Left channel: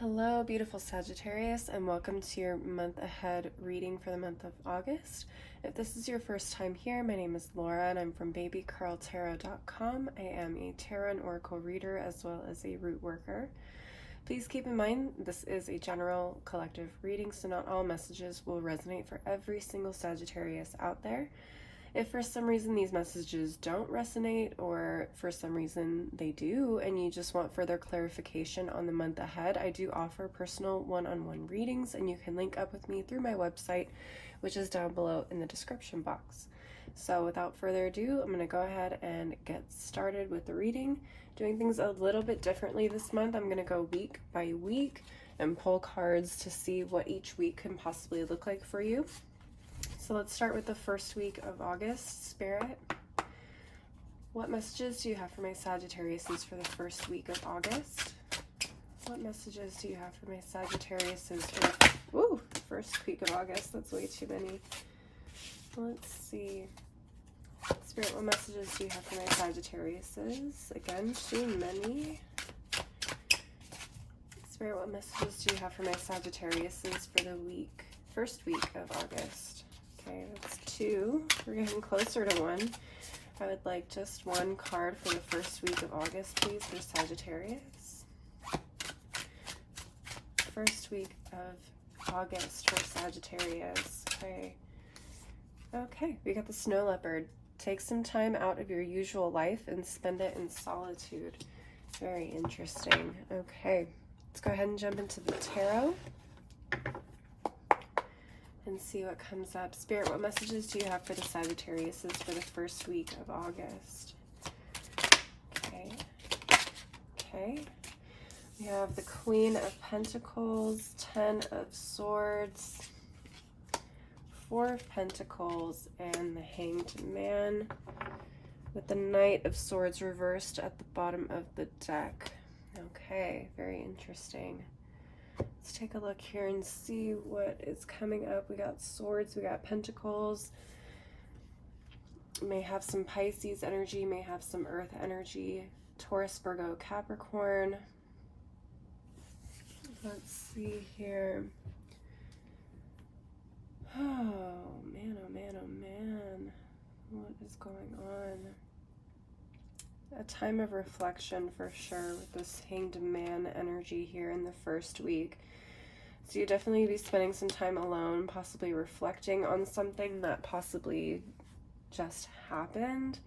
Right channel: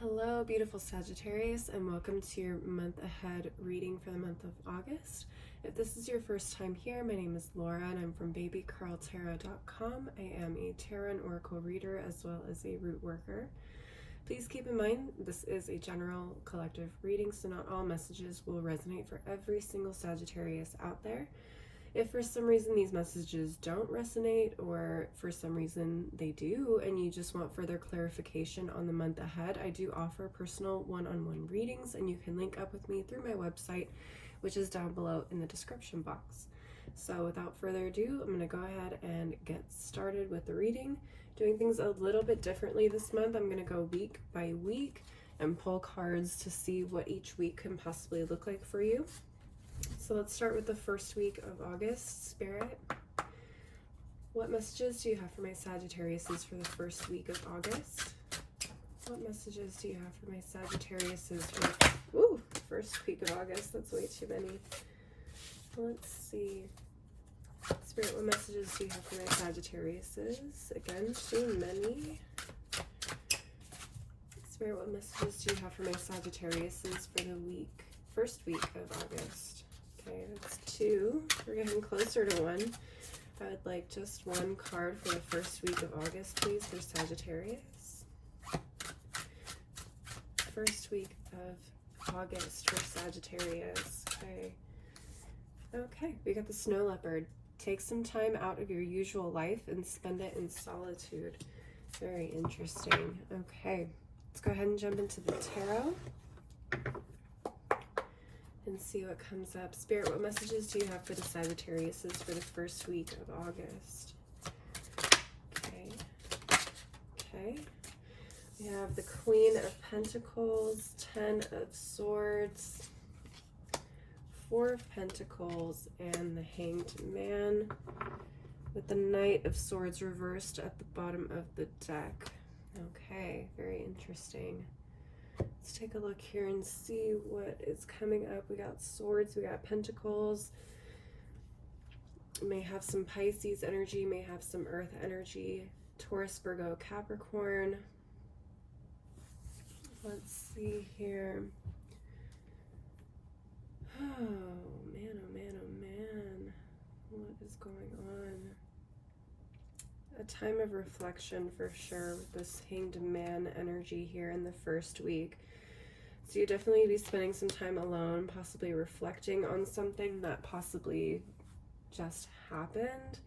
Hello, beautiful Sagittarius, and welcome to your month ahead reading for the month of August. If this is your first time here, my name is Laura and I'm from babycurltarot.com. I am a tarot and oracle reader as well as a root worker. Please keep in mind this is a general collective reading, so not all messages will resonate for every single Sagittarius out there. If for some reason these messages don't resonate, or for some reason they do, and you just want further clarification on the month ahead, I do offer personal one-on-one readings, and you can link up with me through my website, which is down below in the description box. So without further ado, I'm going to go ahead and get started with the reading. Doing things a little bit differently this month. I'm going to go week by week and pull cards to see what each week can possibly look like for you. So let's start with the first week of August. Spirit, what messages do you have for my Sagittariuses for the first week of August? What messages do you have for my Sagittariuses for the first week of August? That's way too many. Let's see. Spirit, what messages do you have for my Sagittariuses? Again, too many. Spirit, what messages do you have for my Sagittariuses for the first week of August? Okay, that's two. We're getting closer to one. I would like just one card for the first week of August, please, for Sagittarius. First week of August for Sagittarius. Okay, we got the snow leopard. Take some time out of your usual life and spend it in solitude. Very interesting. Okay, let's go ahead and jump into the tarot and see what comes up. Spirit, what messages do you have for the Sagittariuses for the first week of August? Okay. We have the Queen of Pentacles, 10 of Swords, 4 of Pentacles, and the Hanged Man, with the Knight of Swords reversed at the bottom of the deck. Okay, very interesting. Let's take a look here and see what is coming up. We got Swords, we got Pentacles. May have some Pisces energy, may have some Earth energy. Taurus, Virgo, Capricorn. Let's see here. Oh man, oh man, oh man. What is going on? A time of reflection for sure with this Hanged Man energy here in the first week. So you definitely be spending some time alone, possibly reflecting on something that possibly just happened.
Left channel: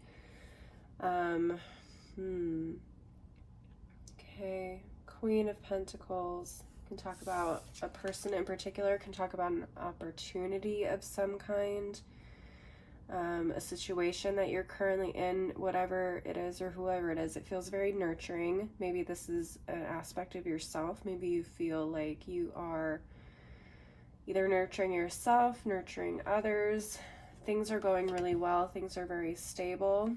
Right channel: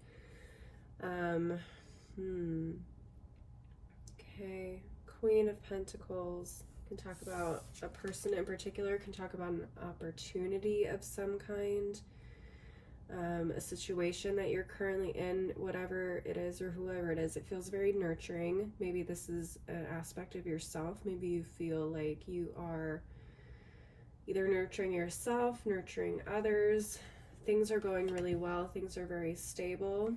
Okay, Queen of Pentacles can talk about a person in particular, can talk about an opportunity of some kind. A situation that you're currently in, whatever it is or whoever it is, it feels very nurturing. Maybe this is an aspect of yourself. Maybe you feel like you are either nurturing yourself, nurturing others. Things are going really well. Things are very stable.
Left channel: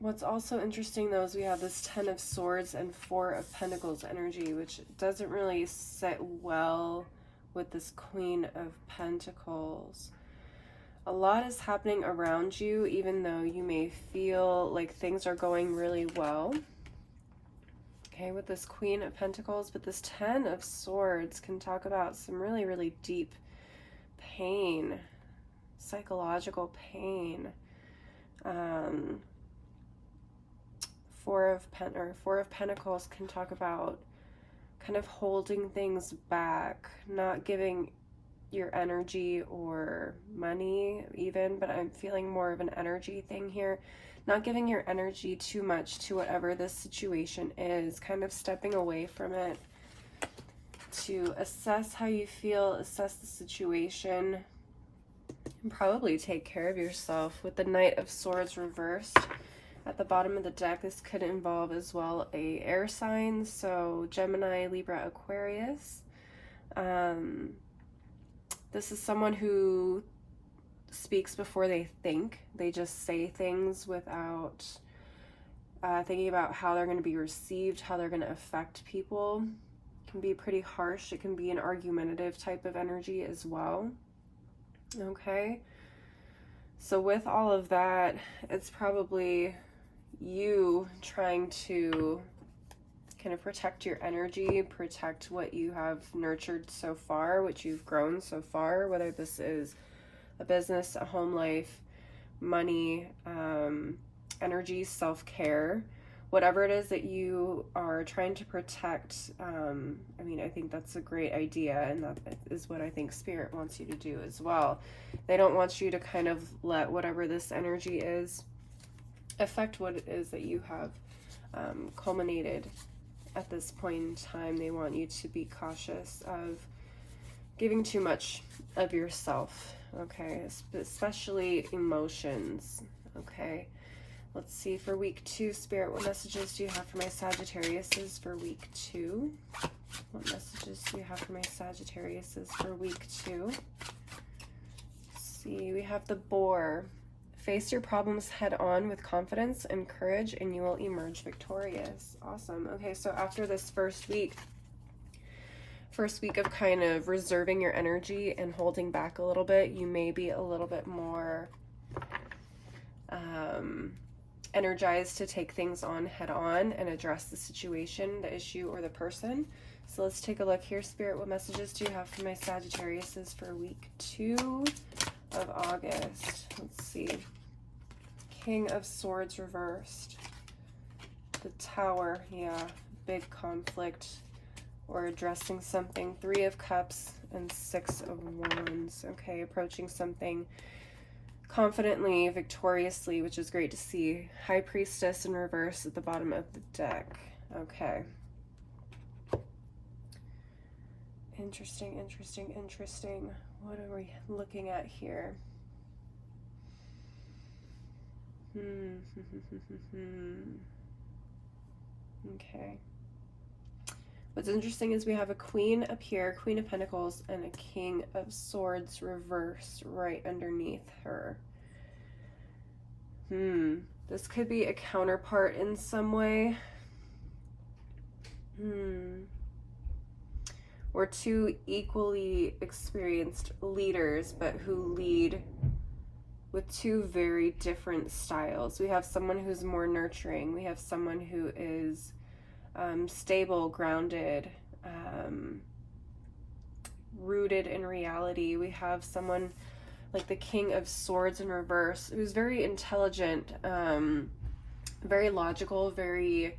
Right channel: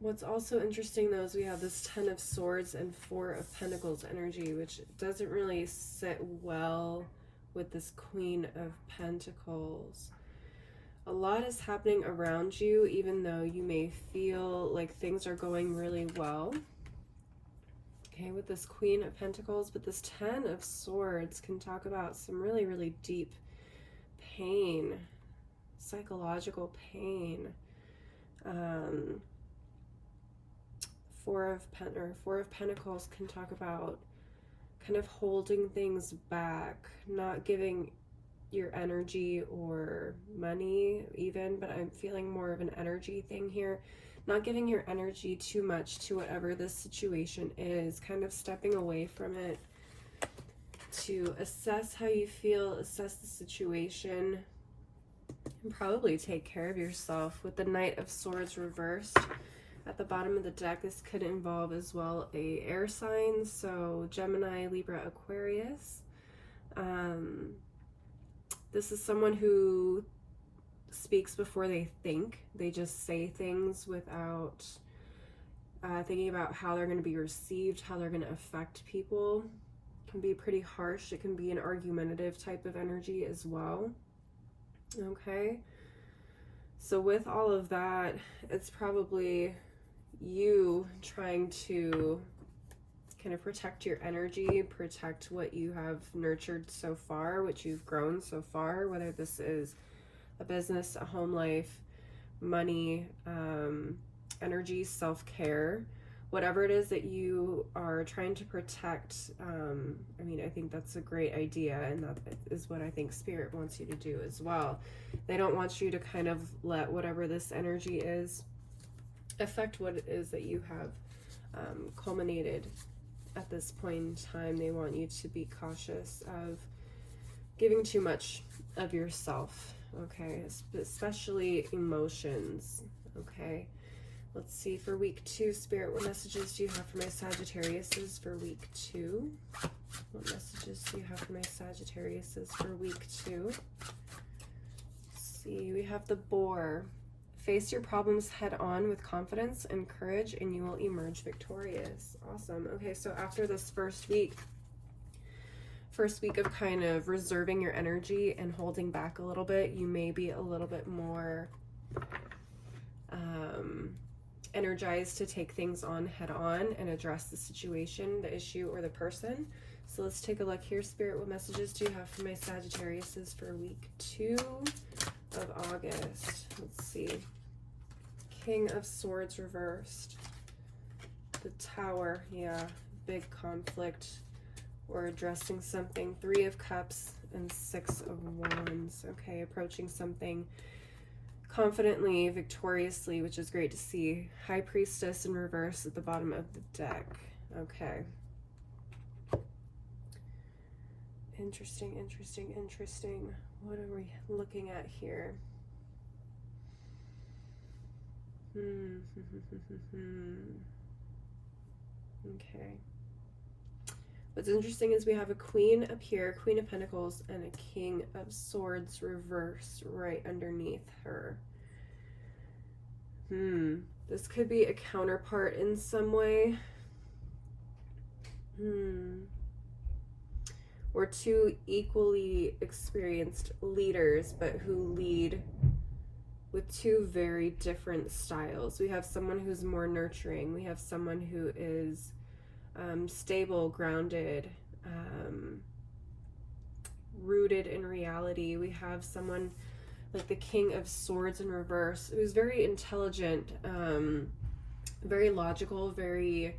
What's also interesting though is we have this 10 of Swords and 4 of Pentacles energy, which doesn't really sit well with this Queen of Pentacles. A lot is happening around you, even though you may feel like things are going really well. Okay, with this Queen of Pentacles, but this 10 of Swords can talk about some really, really deep pain, psychological pain. Four of Pentacles can talk about kind of holding things back, not giving your energy or money even, but I'm feeling more of an energy thing here. Not giving your energy too much to whatever this situation is, kind of stepping away from it to assess how you feel, assess the situation, and probably take care of yourself. With the Knight of Swords reversed at the bottom of the deck, this could involve as well a air sign, so Gemini, Libra, Aquarius. This is someone who speaks before they think. They just say things without thinking about how they're going to be received, how they're going to affect people. It can be pretty harsh. It can be an argumentative type of energy as well. Okay. So with all of that, it's probably you trying to kind of protect your energy, protect what you have nurtured so far, what you've grown so far, whether this is a business, a home life, money, energy, self-care, whatever it is that you are trying to protect. I mean, I think that's a great idea, and that is what I think Spirit wants you to do as well. They don't want you to kind of let whatever this energy is affect what it is that you have culminated at this point in time. They want you to be cautious of giving too much of yourself, okay, especially emotions, okay. Let's see, for week 2, Spirit, what messages do you have for my Sagittariuses for week 2? What messages do you have for my Sagittariuses for week 2? Let's see, we have the Boar. Face your problems head on with confidence and courage, and you will emerge victorious. Awesome. Okay, so after this first week of kind of reserving your energy and holding back a little bit, you may be a little bit more energized to take things on head on and address the situation, the issue, or the person. So let's take a look here, Spirit. What messages do you have for my Sagittariuses for week 2 of August? Let's see. King of Swords reversed. The Tower, yeah, big conflict or addressing something. 3 of Cups and 6 of Wands. Okay, approaching something confidently, victoriously, which is great to see. High Priestess in reverse at the bottom of the deck. Okay. Interesting, interesting, interesting. What are we looking at here? Okay. What's interesting is we have a Queen up here, Queen of Pentacles, and a King of Swords reversed right underneath her. This could be a counterpart in some way. Or 2 equally experienced leaders, but who lead with 2 very different styles. We have someone who's more nurturing. We have someone who is stable, grounded, rooted in reality. We have someone like the King of Swords in reverse, who's very intelligent, very logical, very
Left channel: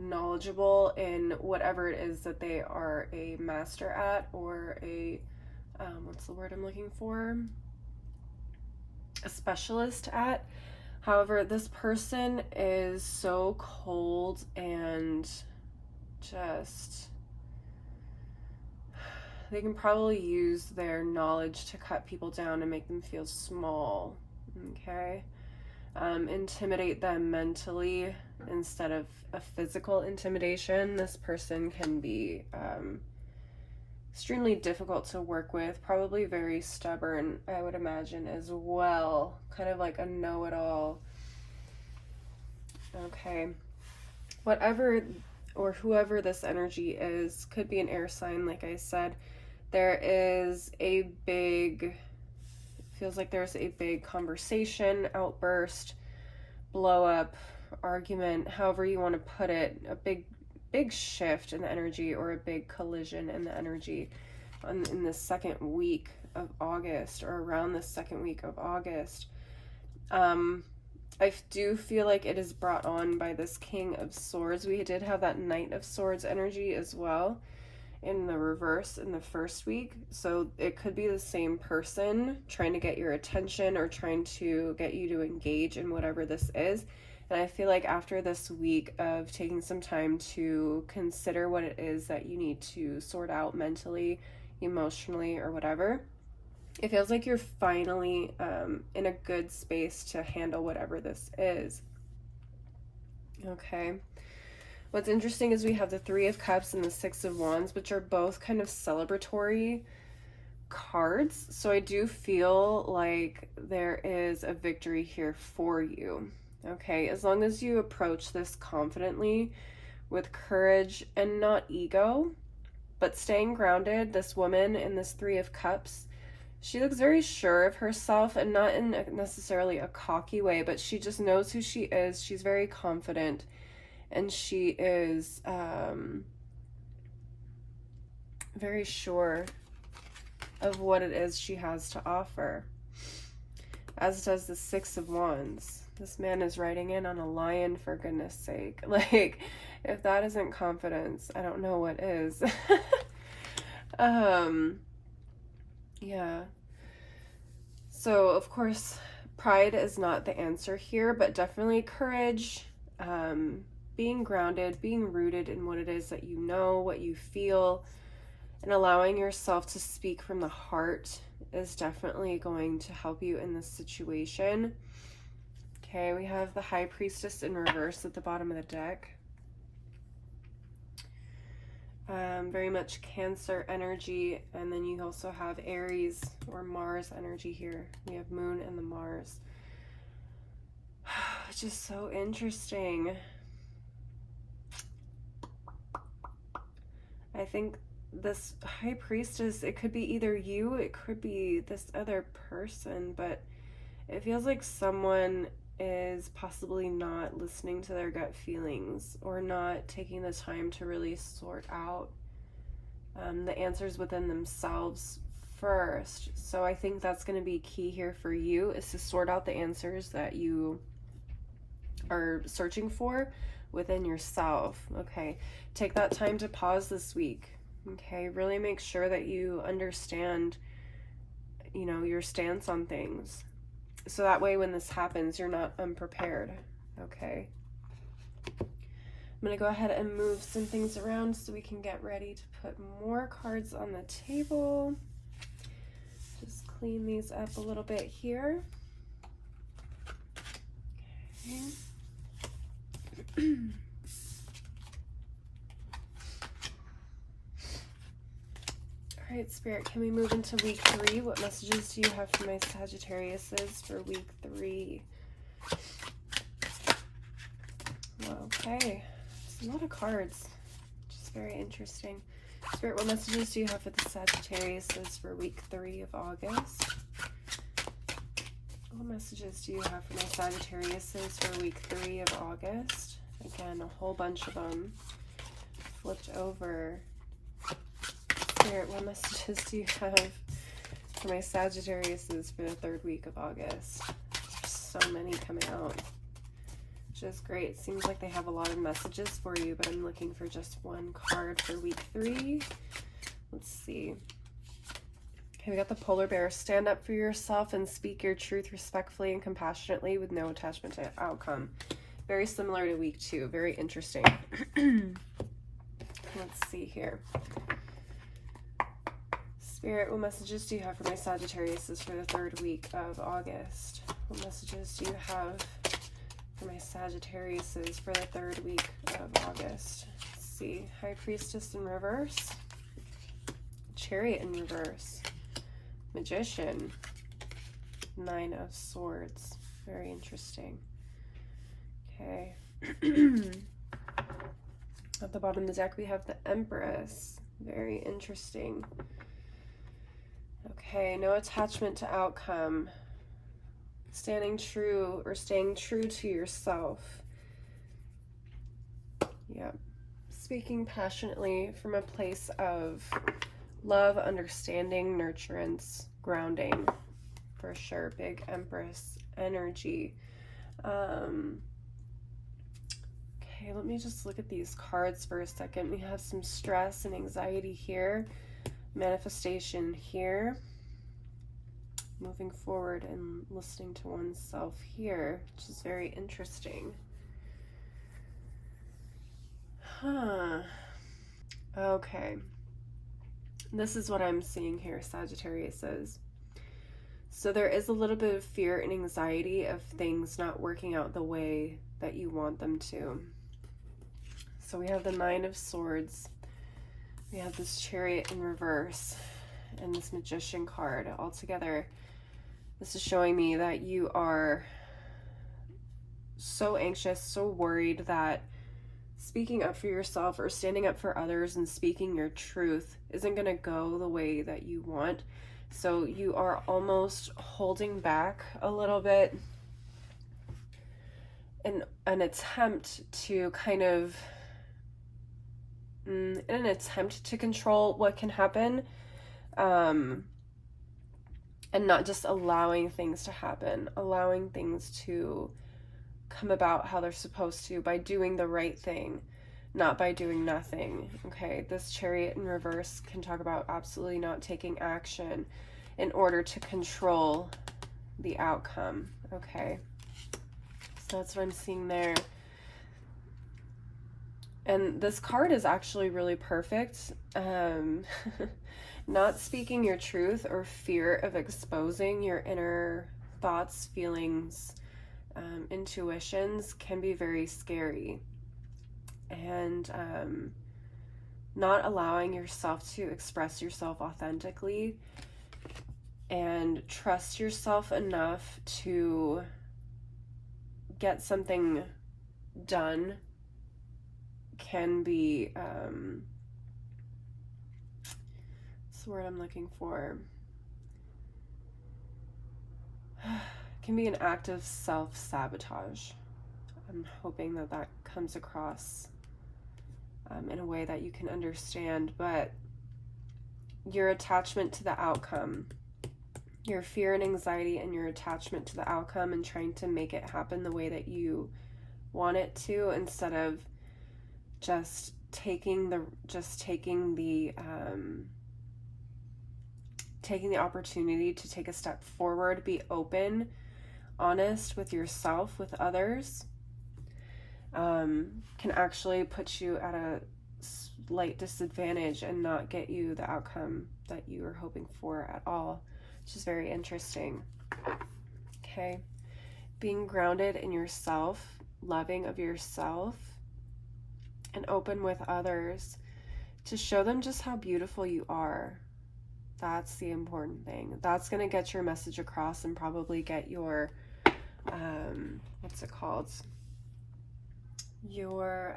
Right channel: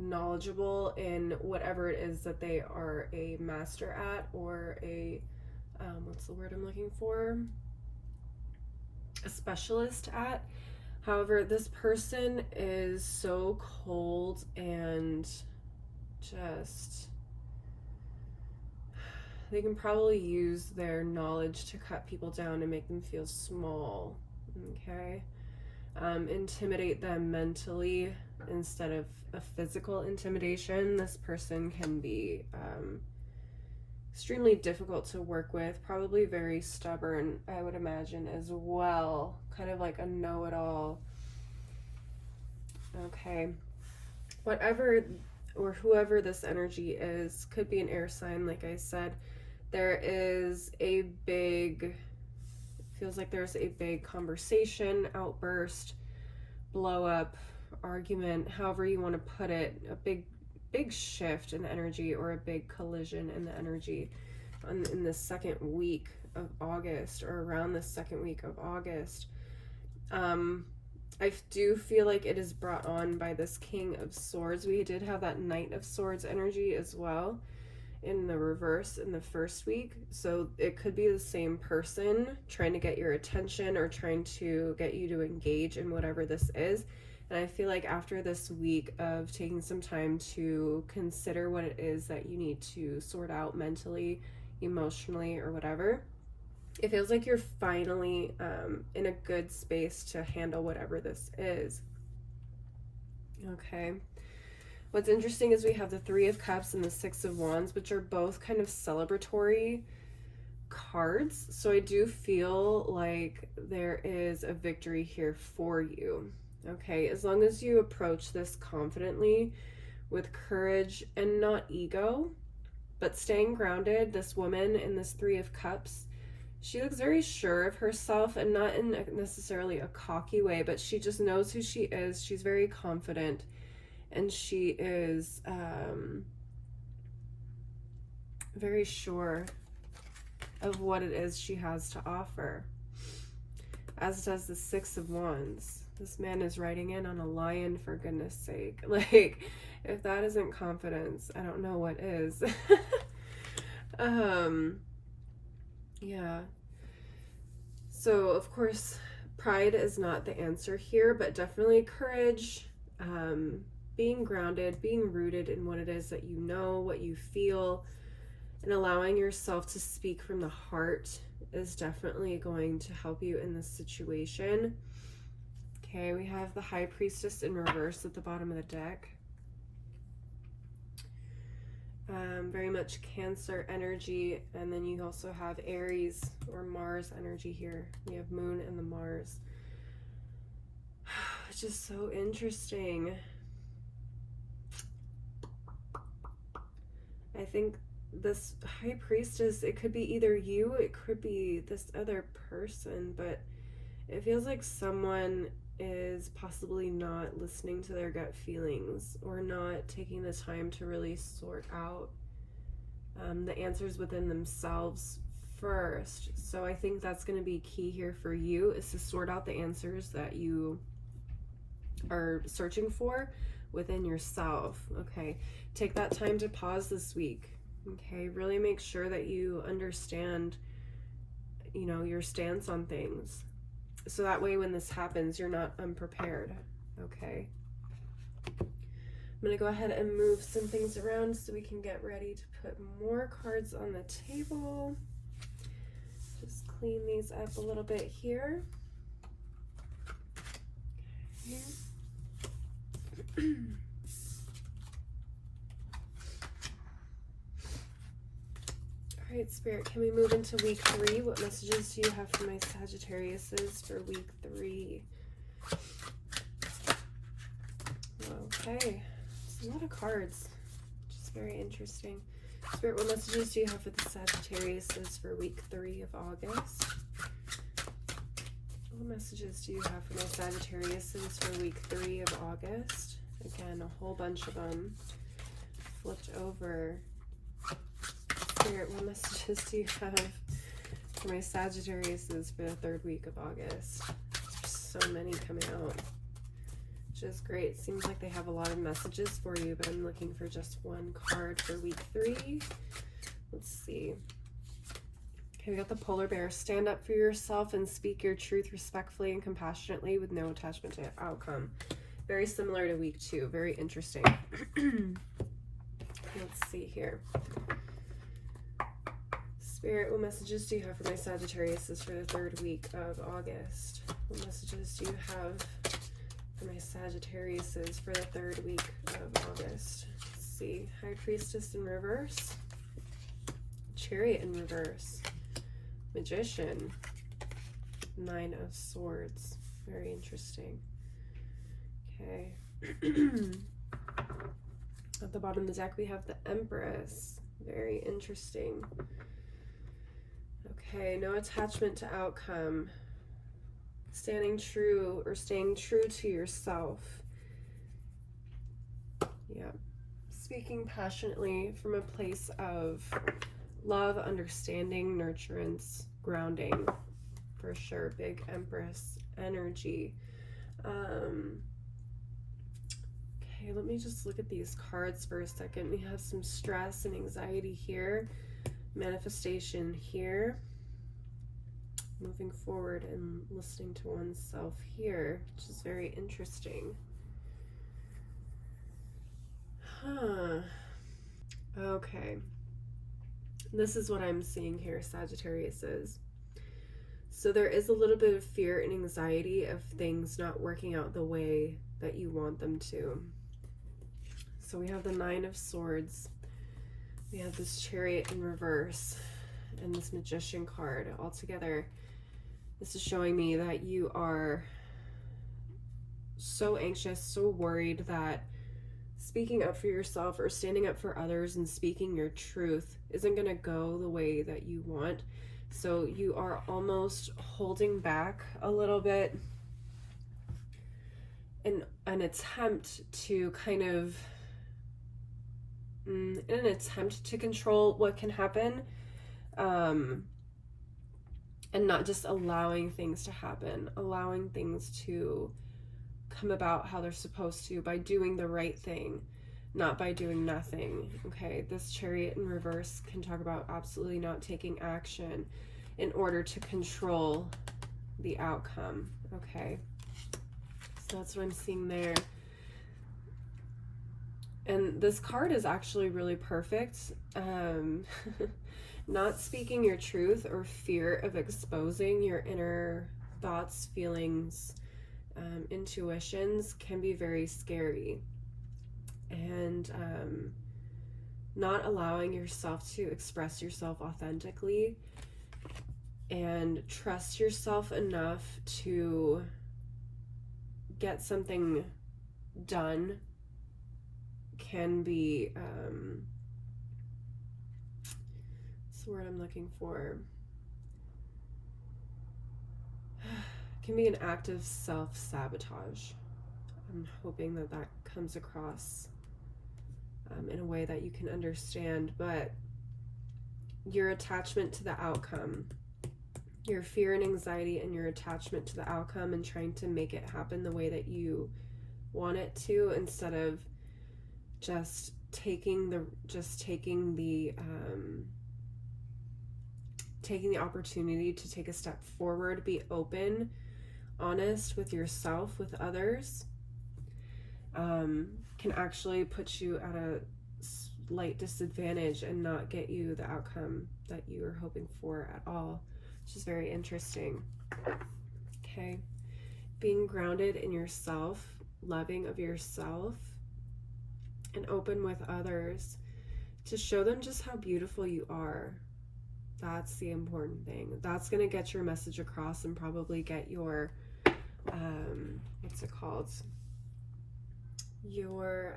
knowledgeable in whatever it is that they are a master at, or a what's the word I'm looking for? A specialist at. However, this person is so cold and just, they can probably use their knowledge to cut people down and make them feel small, okay? Intimidate them mentally instead of a physical intimidation. This person can be extremely difficult to work with, probably very stubborn, I would imagine, as well. Kind of like a know-it-all. Okay. Whatever or whoever this energy is, could be an air sign, like I said. There is a big, feels like there's a big conversation, outburst, blow up, argument, however you want to put it, a big shift in the energy, or a big collision in the energy in the second week of August, or around the second week of August. I do feel like it is brought on by this King of Swords. We did have that Knight of Swords energy as well in the reverse in the first week, so it could be the same person trying to get your attention or trying to get you to engage in whatever this is. And I feel like after this week of taking some time to consider what it is that you need to sort out mentally, emotionally, or whatever, it feels like you're finally in a good space to handle whatever this is. Okay. What's interesting is we have the 3 of Cups and the 6 of Wands, which are both kind of celebratory cards. So I do feel like there is a victory here for you. Okay, as long as you approach this confidently, with courage and not ego, but staying grounded. This woman in this 3 of Cups, she looks very sure of herself, and not in necessarily a cocky way, but she just knows who she is. She's very confident, and she is very sure of what it is she has to offer, as does the Six of Wands. This man is riding in on a lion, for goodness sake. Like, if that isn't confidence, I don't know what is. Yeah. So, of course, pride is not the answer here, but definitely courage, being grounded, being rooted in what it is that you know, what you feel, and allowing yourself to speak from the heart is definitely going to help you in this situation. Okay, we have the High Priestess in reverse at the bottom of the deck. Very much Cancer energy, and then you also have Aries or Mars energy here. We have Moon and the Mars. It's just so interesting. I think this High Priestess, it could be either you, it could be this other person, but it feels like someone is possibly not listening to their gut feelings or not taking the time to really sort out the answers within themselves first. So I think that's going to be key here for you, is to sort out the answers that you are searching for within yourself. Okay, take that time to pause this week. Okay, really make sure that you understand, you know, your stance on things, so that way when this happens, you're not unprepared. Okay, I'm going to go ahead and move some things around so we can get ready to put more cards on the table. Just clean these up a little bit here. Okay. All right, Spirit, can we move into week 3? What messages do you have for my Sagittariuses for week 3? Okay. A lot of cards, which is very interesting. Spirit, what messages do you have for the Sagittariuses for week 3 of August? What messages do you have for my Sagittariuses for week 3 of August? Again, a whole bunch of them flipped over. Spirit, what messages do you have for my Sagittariuses for the 3rd week of August? There's so many coming out. Just great. Seems like they have a lot of messages for you, but I'm looking for just one card for week 3. Let's see. Okay, we got the Polar Bear. Stand up for yourself and speak your truth respectfully and compassionately with no attachment to outcome. Very similar to week 2. Very interesting. Let's see here. Spirit, what messages do you have for my Sagittarius for the 3rd week of August? What messages do you have for my Sagittariuses for the 3rd week of August? Let's see. High Priestess in reverse. Chariot in reverse. Magician. 9 of Swords. Very interesting. Okay. At the bottom of the deck, we have the Empress. Very interesting. Okay, no attachment to outcome. Standing true or staying true to yourself. Yeah. Speaking passionately from a place of love, understanding, nurturance, grounding. For sure. Big Empress energy. Okay, let me just look at these cards for a second. We have some stress and anxiety here. Manifestation here. Moving forward and listening to oneself here, which is very interesting. Okay. This is what I'm seeing here, Sagittarius says. So there is a little bit of fear and anxiety of things not working out the way that you want them to. So we have the 9 of Swords. We have this Chariot in reverse and this Magician card all together. This is showing me that you are so anxious, so worried that speaking up for yourself or standing up for others and speaking your truth isn't going to go the way that you want. So you are almost holding back a little bit. And an attempt to kind of, in an attempt to control what can happen, and not just allowing things to happen, allowing things to come about how they're supposed to by doing the right thing, not by doing nothing. Okay, this Chariot in reverse can talk about absolutely not taking action in order to control the outcome. Okay, so that's what I'm seeing there. And this card is actually really perfect. Not speaking your truth or fear of exposing your inner thoughts, feelings, intuitions can be very scary. And not allowing yourself to express yourself authentically and trust yourself enough to get something done can be, what's the word I'm looking for? Can be an act of self-sabotage. I'm hoping that that comes across in a way that you can understand, but your attachment to the outcome, your fear and anxiety and your attachment to the outcome and trying to make it happen the way that you want it to, instead of just taking the opportunity to take a step forward, be open, honest with yourself, with others, can actually put you at a slight disadvantage and not get you the outcome that you were hoping for at all, which is very interesting. Okay, being grounded in yourself, loving of yourself, and open with others to show them just how beautiful you are. That's the important thing. That's going to get your message across and probably get your, what's it called? Your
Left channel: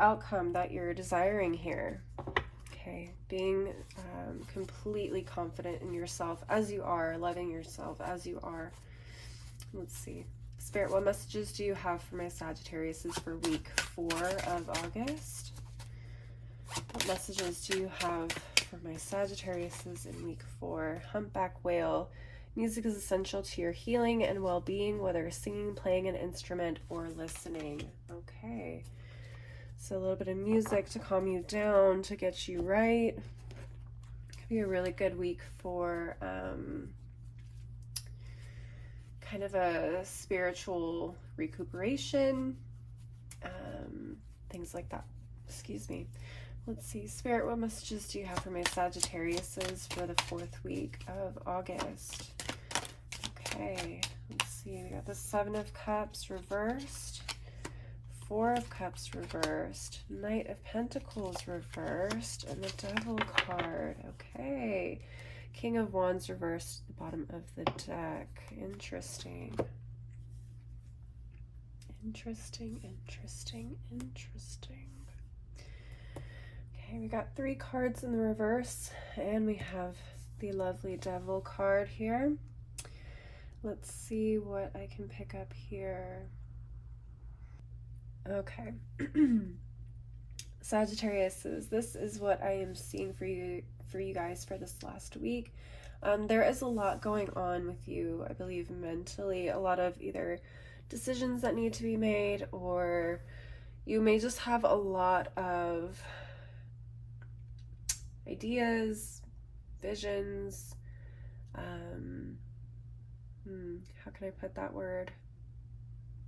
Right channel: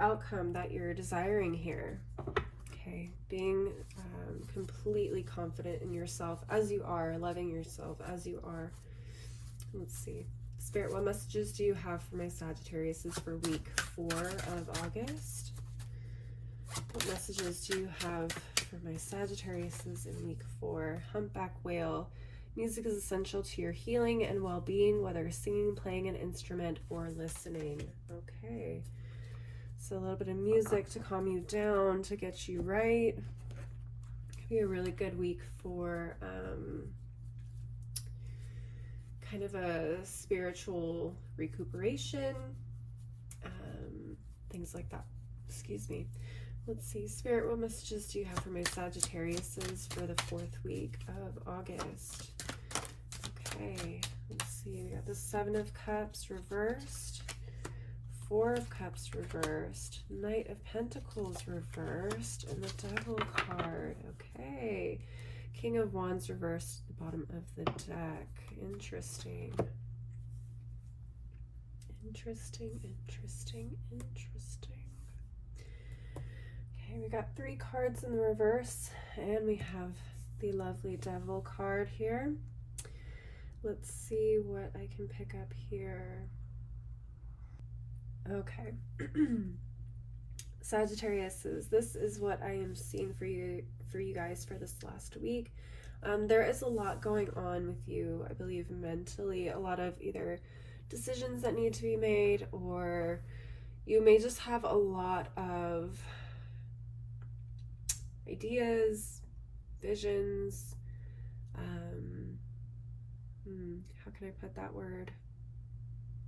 outcome that you're desiring here. Okay, being completely confident in yourself as you are, loving yourself as you are. Let's see. Spirit, what messages do you have for my Sagittariuses for week 4 of August? What messages do you have for my Sagittariuses in week 4? Humpback whale. Music is essential to your healing and well-being, whether singing, playing an instrument, or listening. Okay. So a little bit of music to calm you down, to get you right. Could be a really good week for kind of a spiritual recuperation, things like that. Excuse me. Let's see. Spirit, what messages do you have for my Sagittariuses for the 4th week of August? Okay. Let's see. We got the 7 of Cups reversed. 4 of Cups reversed, Knight of Pentacles reversed, and the Devil card. Okay. King of Wands reversed at the bottom of the deck. Interesting. Interesting, interesting, interesting. Okay, we got 3 cards in the reverse, and we have the lovely Devil card here. Let's see what I can pick up here. Okay. Sagittariuses, this is what I am seeing for you guys for this last week. There is a lot going on with you, I believe, mentally. A lot of either decisions that need to be made, or you may just have a lot of ideas, visions. How can I put that word?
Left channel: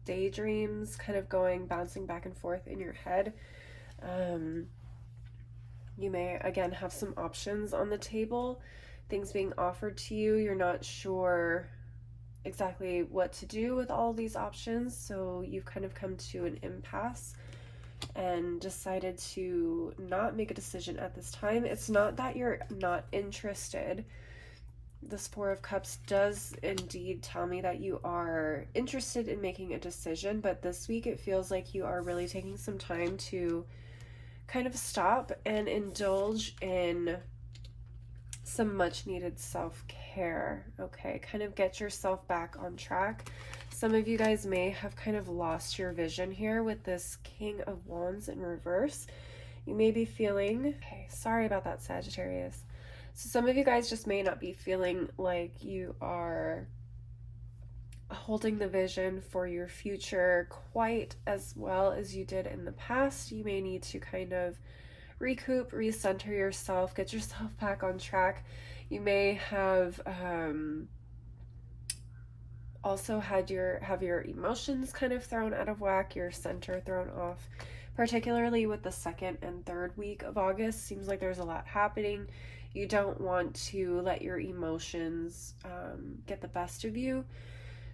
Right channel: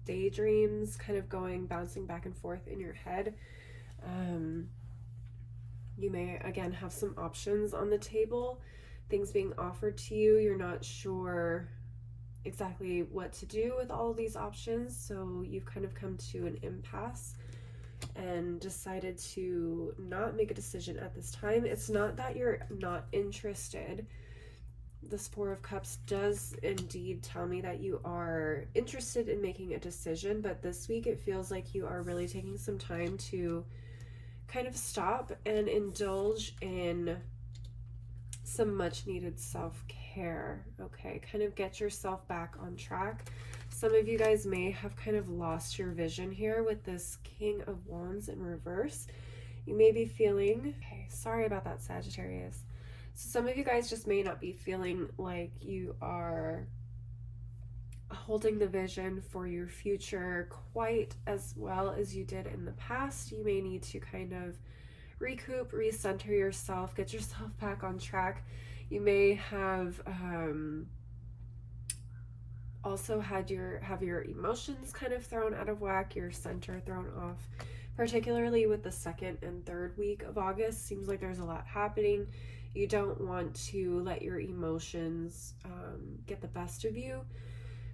Daydreams kind of bouncing back and forth in your head. You may again have some options on the table, things being offered to you. You're not sure exactly what to do with all these options, so you've kind of come to an impasse and decided to not make a decision at this time. It's not that you're not interested. This 4 of Cups does indeed tell me that you are interested in making a decision, but this week it feels like you are really taking some time to kind of stop and indulge in some much needed self-care. Okay, kind of get yourself back on track. Some of you guys may have kind of lost your vision here with this King of Wands in reverse. You may be feeling, okay, sorry about that, Sagittarius. So some of you guys just may not be feeling like you are holding the vision for your future quite as well as you did in the past. You may need to kind of recoup, recenter yourself, get yourself back on track. You may have also have your emotions kind of thrown out of whack, your center thrown off, particularly with the 2nd and 3rd week of August. Seems like there's a lot happening. You don't want to let your emotions get the best of you.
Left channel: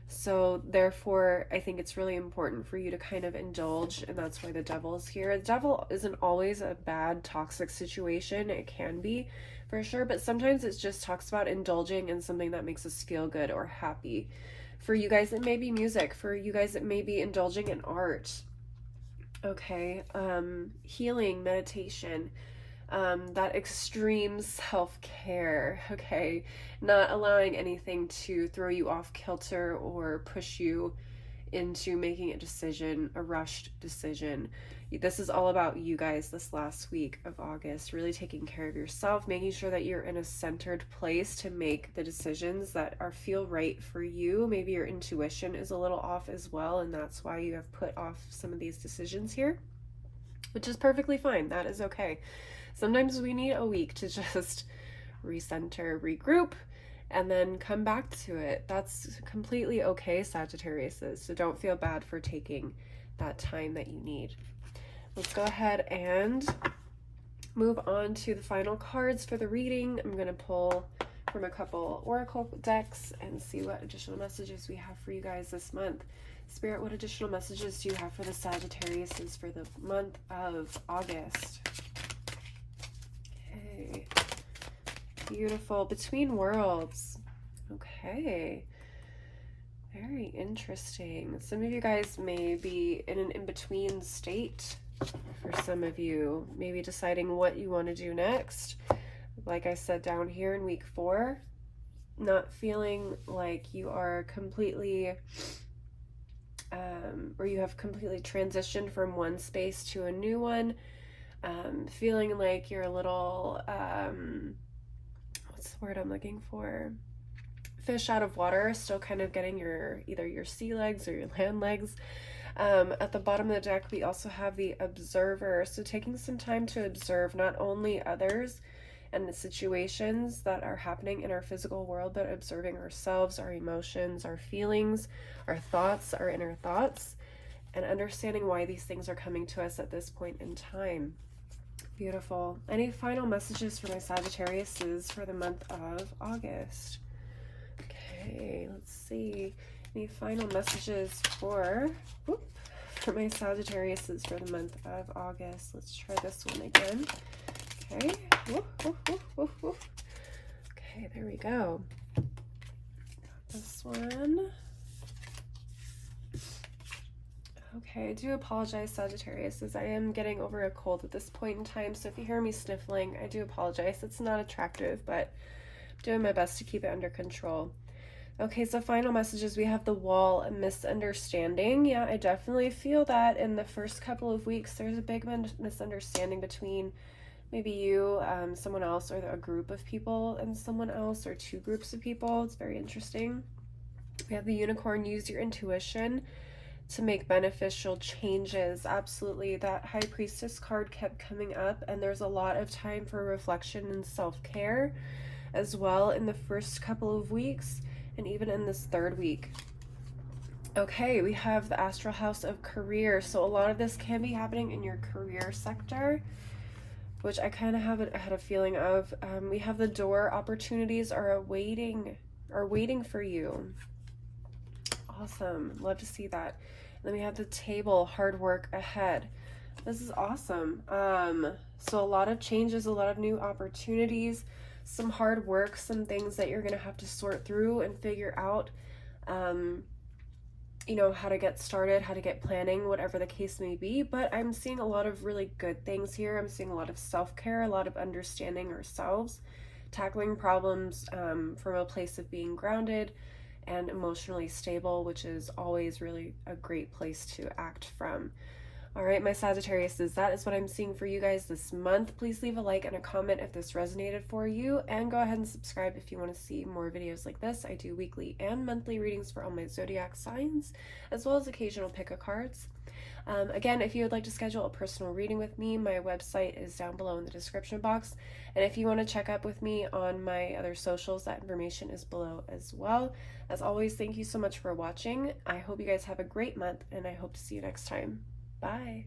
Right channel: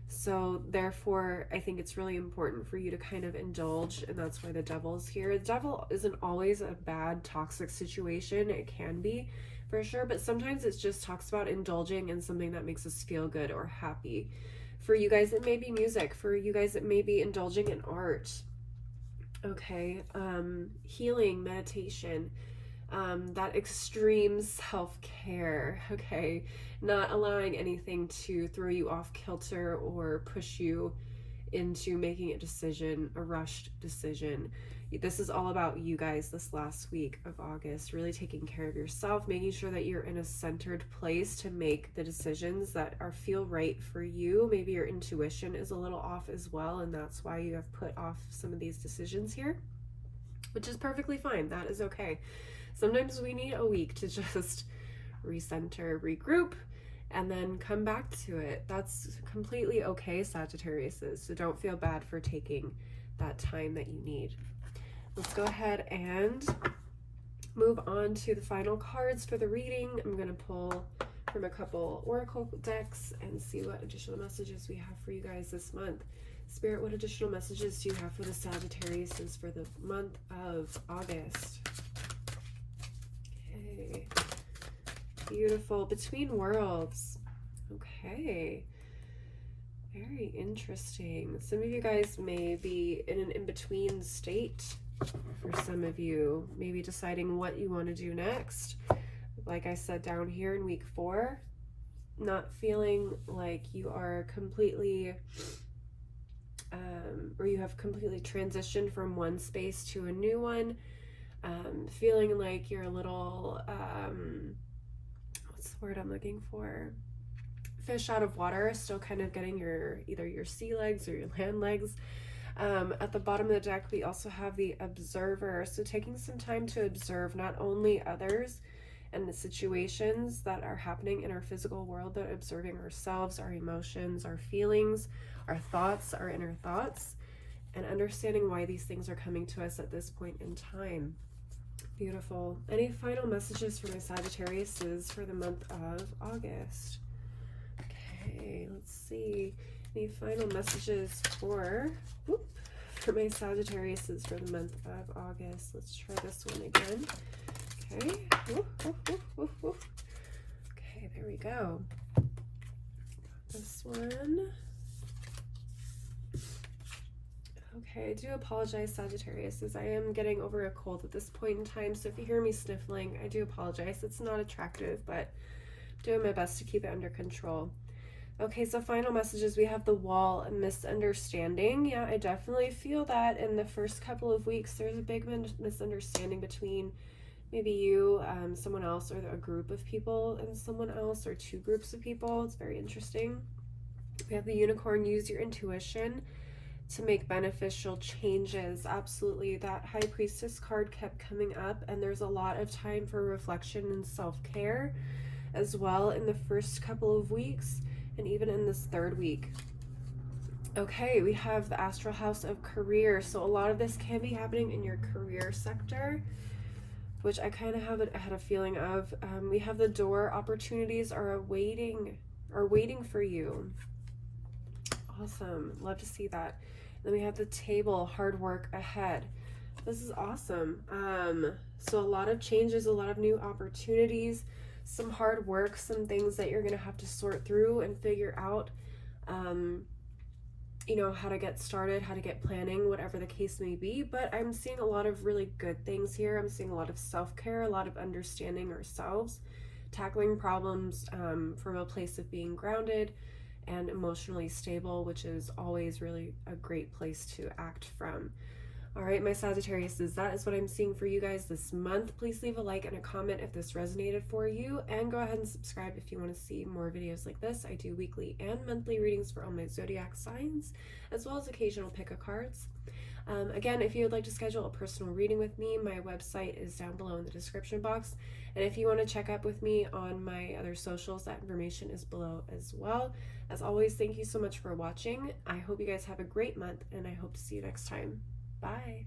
So therefore, I think it's really important for you to kind of indulge, and that's why the devil's here. The devil isn't always a bad, toxic situation. It can be, for sure, but sometimes it just talks about indulging in something that makes us feel good or happy. For you guys, it may be music. For you guys, it may be indulging in art. Okay, healing, meditation, that extreme self-care, okay, not allowing anything to throw you off kilter or push you into making a decision, a rushed decision. This is all about you guys this last week of August, really taking care of yourself, making sure that you're in a centered place to make the decisions that feel right for you. Maybe your intuition is a little off as well, and that's why you have put off some of these decisions here, which is perfectly fine. That is okay. Sometimes we need a week to just recenter, regroup, and then come back to it. That's completely okay, Sagittarius. So don't feel bad for taking that time that you need. Let's go ahead and move on to the final cards for the reading. I'm going to pull from a couple oracle decks and see what additional messages we have for you guys this month. Spirit, what additional messages do you have for the Sagittarius for the month of August? Okay. Beautiful. Between worlds. Okay. Very interesting. Some of you guys may be in an in-between state. For some of you, maybe deciding what you want to do next. Like I said down here in week 4, not feeling like you are completely, or you have completely transitioned from one space to a new one. Feeling like you're a little, what's the word I'm looking for? Fish out of water, still kind of getting either your sea legs or your land legs. At the bottom of the deck, we also have the Observer. So taking some time to observe not only others and the situations that are happening in our physical world, but observing ourselves, our emotions, our feelings, our thoughts, our inner thoughts, and understanding why these things are coming to us at this point in time. Beautiful. Any final messages for my Sagittariuses for the month of August? Okay, let's see. Any final messages for my Sagittariuses for the month of August? Let's try this one again. Okay. Okay, there we go. Got this one. Okay, I do apologize, Sagittarius, as I am getting over a cold at this point in time, so if you hear me sniffling, I do apologize. It's not attractive, but I'm doing my best to keep it under control. Okay, so final messages. We have the Wall, a misunderstanding. Yeah, I definitely feel that in the first couple of weeks, there's a big misunderstanding between maybe you, someone else, or a group of people and someone else, or two groups of people. It's very interesting. We have the Unicorn. Use your intuition to make beneficial changes. Absolutely. That High Priestess card kept coming up, and there's a lot of time for reflection and self-care as well in the first couple of weeks, and even in this 3rd week. Okay, we have the Astral House of Career. So a lot of this can be happening in your career sector, which I kind of had a feeling of. We have the Door. Opportunities are waiting for you. Awesome. Love to see that. And then we have the Table. Hard work ahead. This is awesome. So a lot of changes, a lot of new opportunities, some hard work, some things that you're going to have to sort through and figure out, you know, how to get started, how to get planning, whatever the case may be. But I'm seeing a lot of really good things here. I'm seeing a lot of self-care, a lot of understanding ourselves, tackling problems from a place of being grounded and emotionally stable, which is always really a great place to act from. All right, my Sagittariuses, that is what I'm seeing for you guys this month. Please leave a like and a comment if this resonated for you, and go ahead and subscribe if you want to see more videos like this. I do weekly and monthly readings for all my zodiac signs, as well as occasional pick-a-cards. Again, if you would like to schedule a personal reading with me, my website is down below in the description box. And if you want to check up with me on my other socials, that information is below as well. As always, thank you so much for watching. I hope you guys have a great month, and I hope to see you next time. Bye.